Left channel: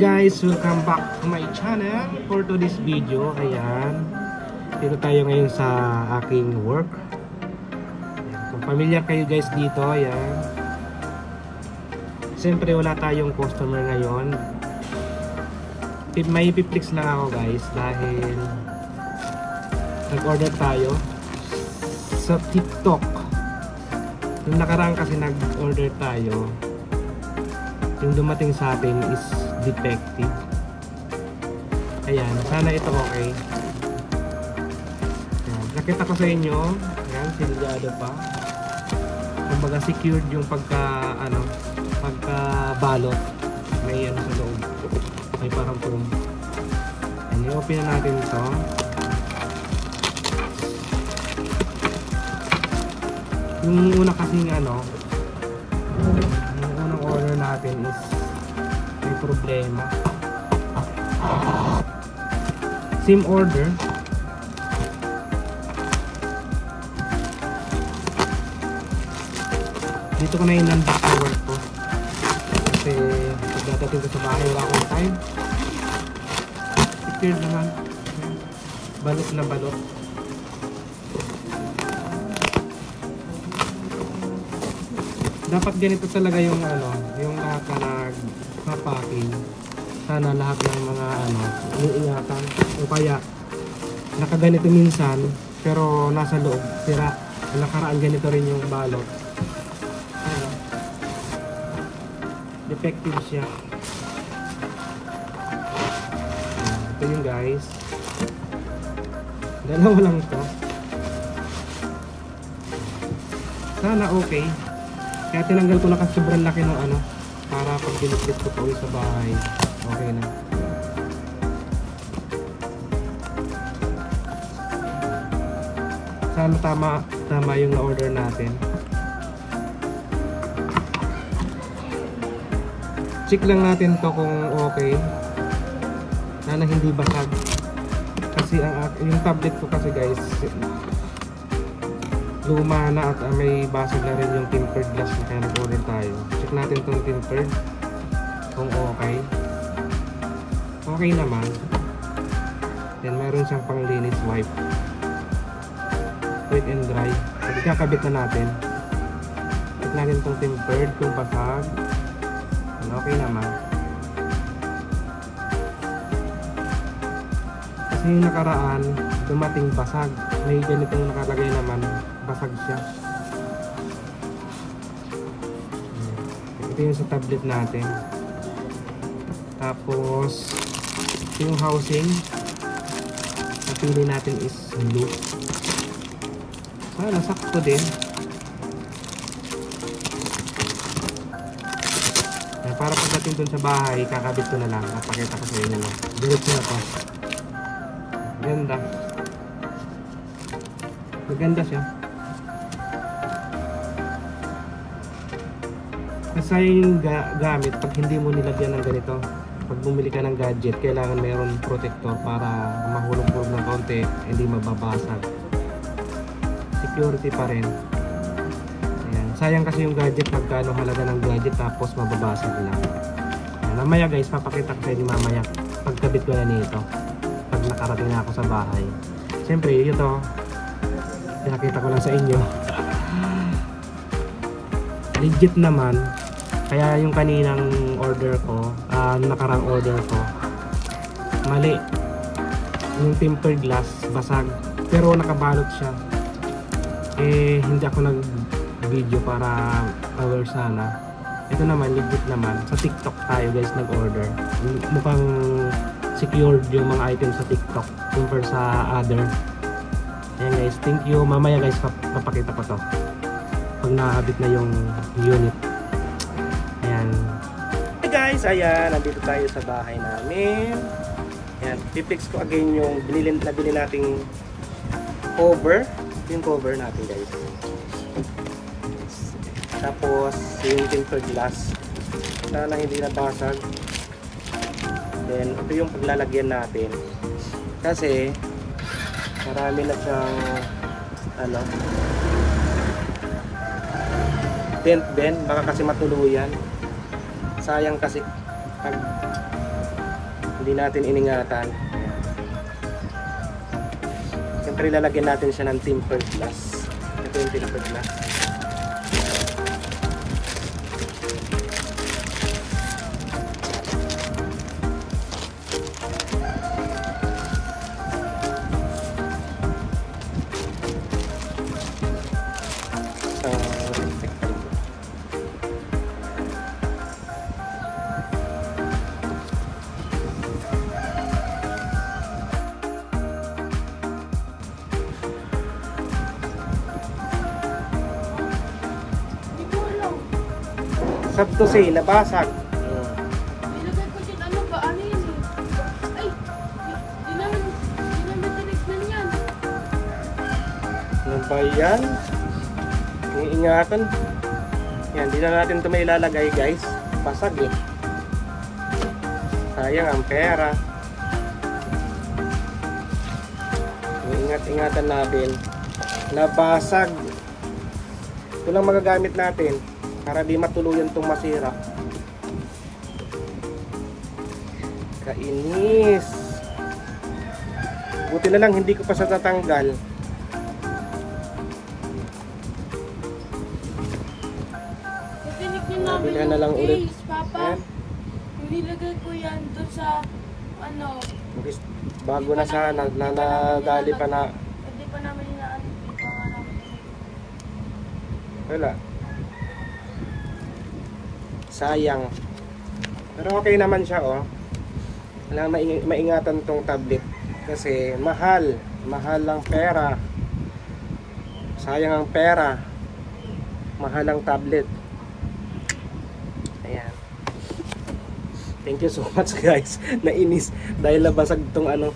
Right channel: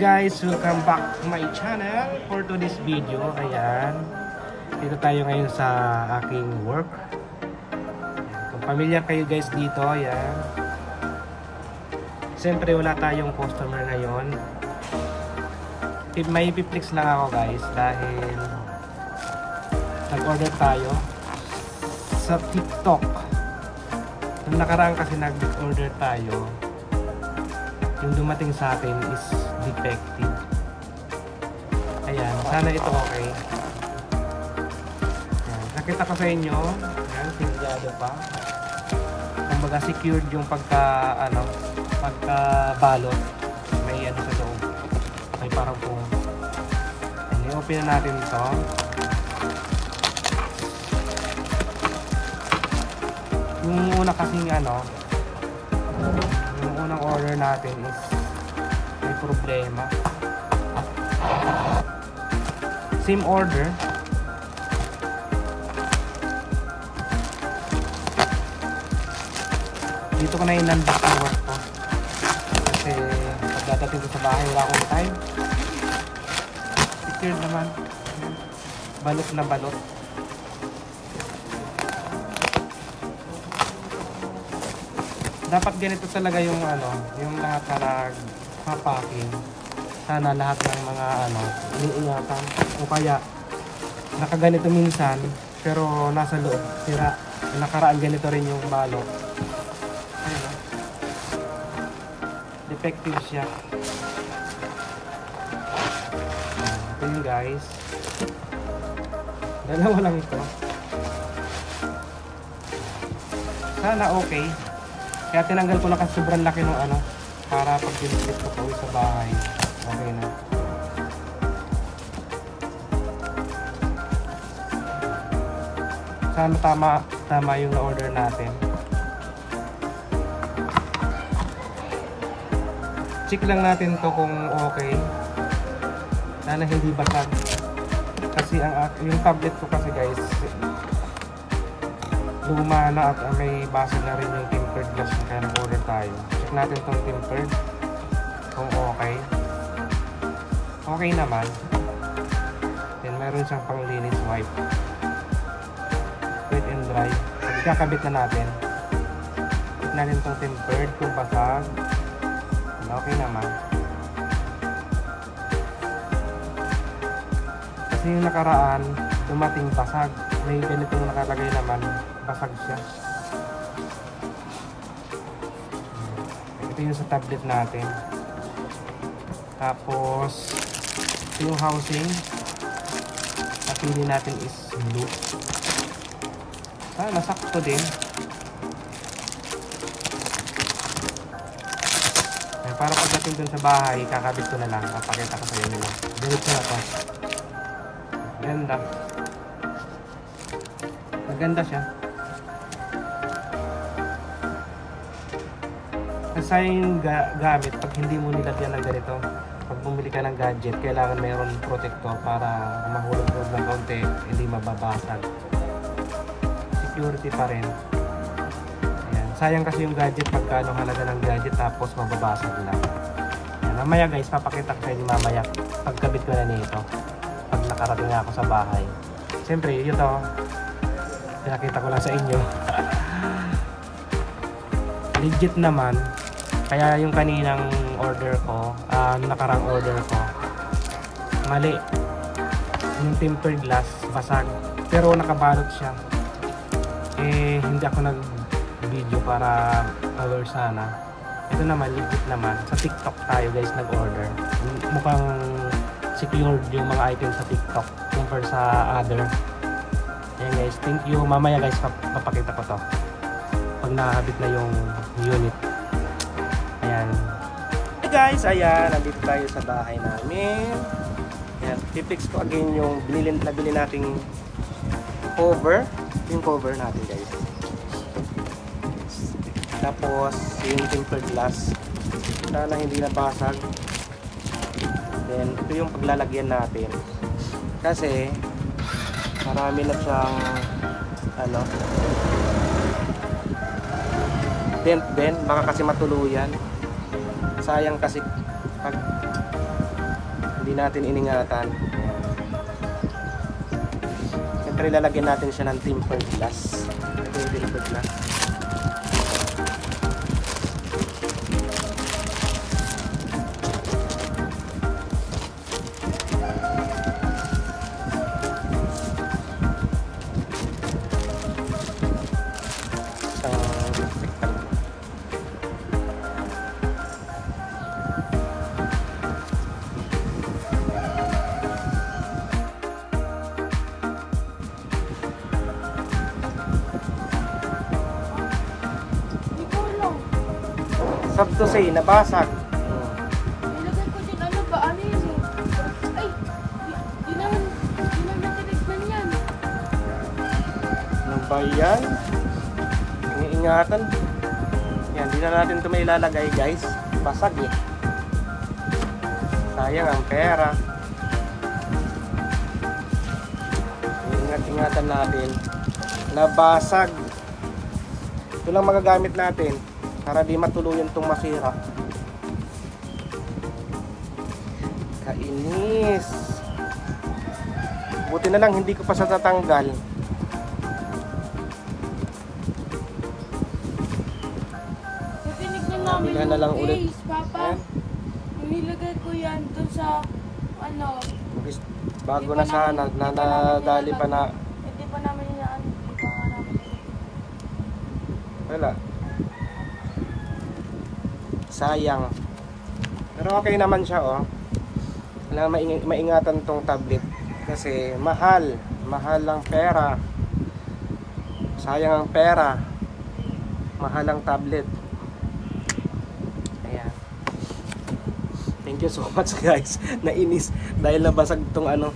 guys, welcome back to my channel. For today's video, ayan, dito tayo ngayon sa aking work. Ayan, kung pamilyar kayo guys dito, ayan, siyempre wala tayong customer ngayon. May piplex lang ako guys dahil nag-order tayo sa TikTok. Yung nakaraan kasi nag-order tayo, yung dumating sa atin is defective. Ayan, sana ito okay. Ayan, nakita ko sa inyo, ayan, silyado pa. Kumbaga secured yung pagka-balot. May ano sa loob. May parang foam. Ayan, i-open na natin ito. Yung una kasing yung unang order natin is may problema. Same order. Dito ko na in-unbox yung work ko kasi pagdatatin ko sa bahay wala akong time. Secure naman. Balot na balot. Dapat ganito talaga yung yung lahat na nagpa-packing. Sana lahat ng mga iingatan. O kaya nakaganito minsan pero nasa loob sira. Nakaraan ganito rin yung balot. Ayun. Defective siya. Ito yung guys. Dalawa lang ito. Sana okay. Kaya tinanggal ko na kasi sobrang laki ng para pag dinipit ko pa uwi sa bahay. Okay na. Sana tama yung na-order natin. Check lang natin to kung okay. Sana hindi basag. Kasi yung tablet ko kasi guys, luma na at may basag na rin yung tempered glass na kaya nag-order tayo. Check natin tong tempered kung okay. Okay naman. Then meron siyang panglinis wipe. Wet and dry. So ikakabit na natin. Check natin tong tempered kung basag. Okay naman. Kasi yung nakaraan dumating basag. May ganitong nakalagay naman, basag siya. Ito yung sa tablet natin. Tapos yung housing napili natin is blue. Nasakto din. Para pagdating dun sa bahay, kakabit ko na lang. Papakita ko sa inyo lang. Diretso na to. Ganda. Maganda siya. Kasayang gamit pag hindi mo nilagyan ng ganito. Pag bumili ka ng gadget, kailangan mayroon protector para mahulog-hulog ng kaunti, hindi mababasag. Security pa rin. Ayan. Sayang kasi yung gadget pagka halaga ng gadget tapos mababasag lang. Ayan. Mamaya guys, papakita ko sa inyo mamaya pagkabit ko na nito. Pag nakarating na ako sa bahay. Siyempre, ito pinakita ko lang sa inyo. Legit naman. Kaya yung kaninang order ko, nakarang order ko, mali. Yung tempered glass, basag. Pero nakabalot siya. Hindi ako nag-video para aware sana. Ito naman, legit naman. Sa TikTok tayo guys nag-order. Mukhang secured yung mga items sa TikTok compare sa other. Ayan guys, thank you. Mamaya guys, papakita ko to pag nakakabit na yung unit. Ayan. Hey guys, ayan, nandito tayo sa bahay namin. Ayan, tipix ko again yung nabili nating cover. Yung cover natin guys. Tapos yung tempered glass. Sana hindi nabasag. Then ito yung paglalagyan natin. Kasi marami na siyang dent din, baka kasi matuluyan. Sayang kasi pag Hindi natin iningatan. Siyempre lalagyan natin siya ng tempered glass. Ito yung tempered glass. Sad to say, nabasag. Ilagay ko dyan, ano ba? Ano yan eh? Ay, di na matalikman yan. Ano ba yan? Kung ingatan. Yan, di na natin ito may ilalagay guys. Basag eh. Sayang ang pera. Ingat-ingatan natin. Nabasag. Ito lang magagamit natin. Para di matuluyan itong masira. Kainis. Buti na lang hindi ko pa siya tatanggal. Tinignan namin Nabila na lang yung ulit. case, Papa. Yan. Nilagay ko yan dun sa, ano, Bago na sana. Nadali pa na. hindi pa namin inaan. Wala. Sayang. Pero okay naman siya oh. Wala maingatan tong tablet. Kasi mahal. Mahal ang pera. Sayang ang pera. Mahal ang tablet. Ayan. Thank you so much guys. Nainis. Dahil nabasag tong ano.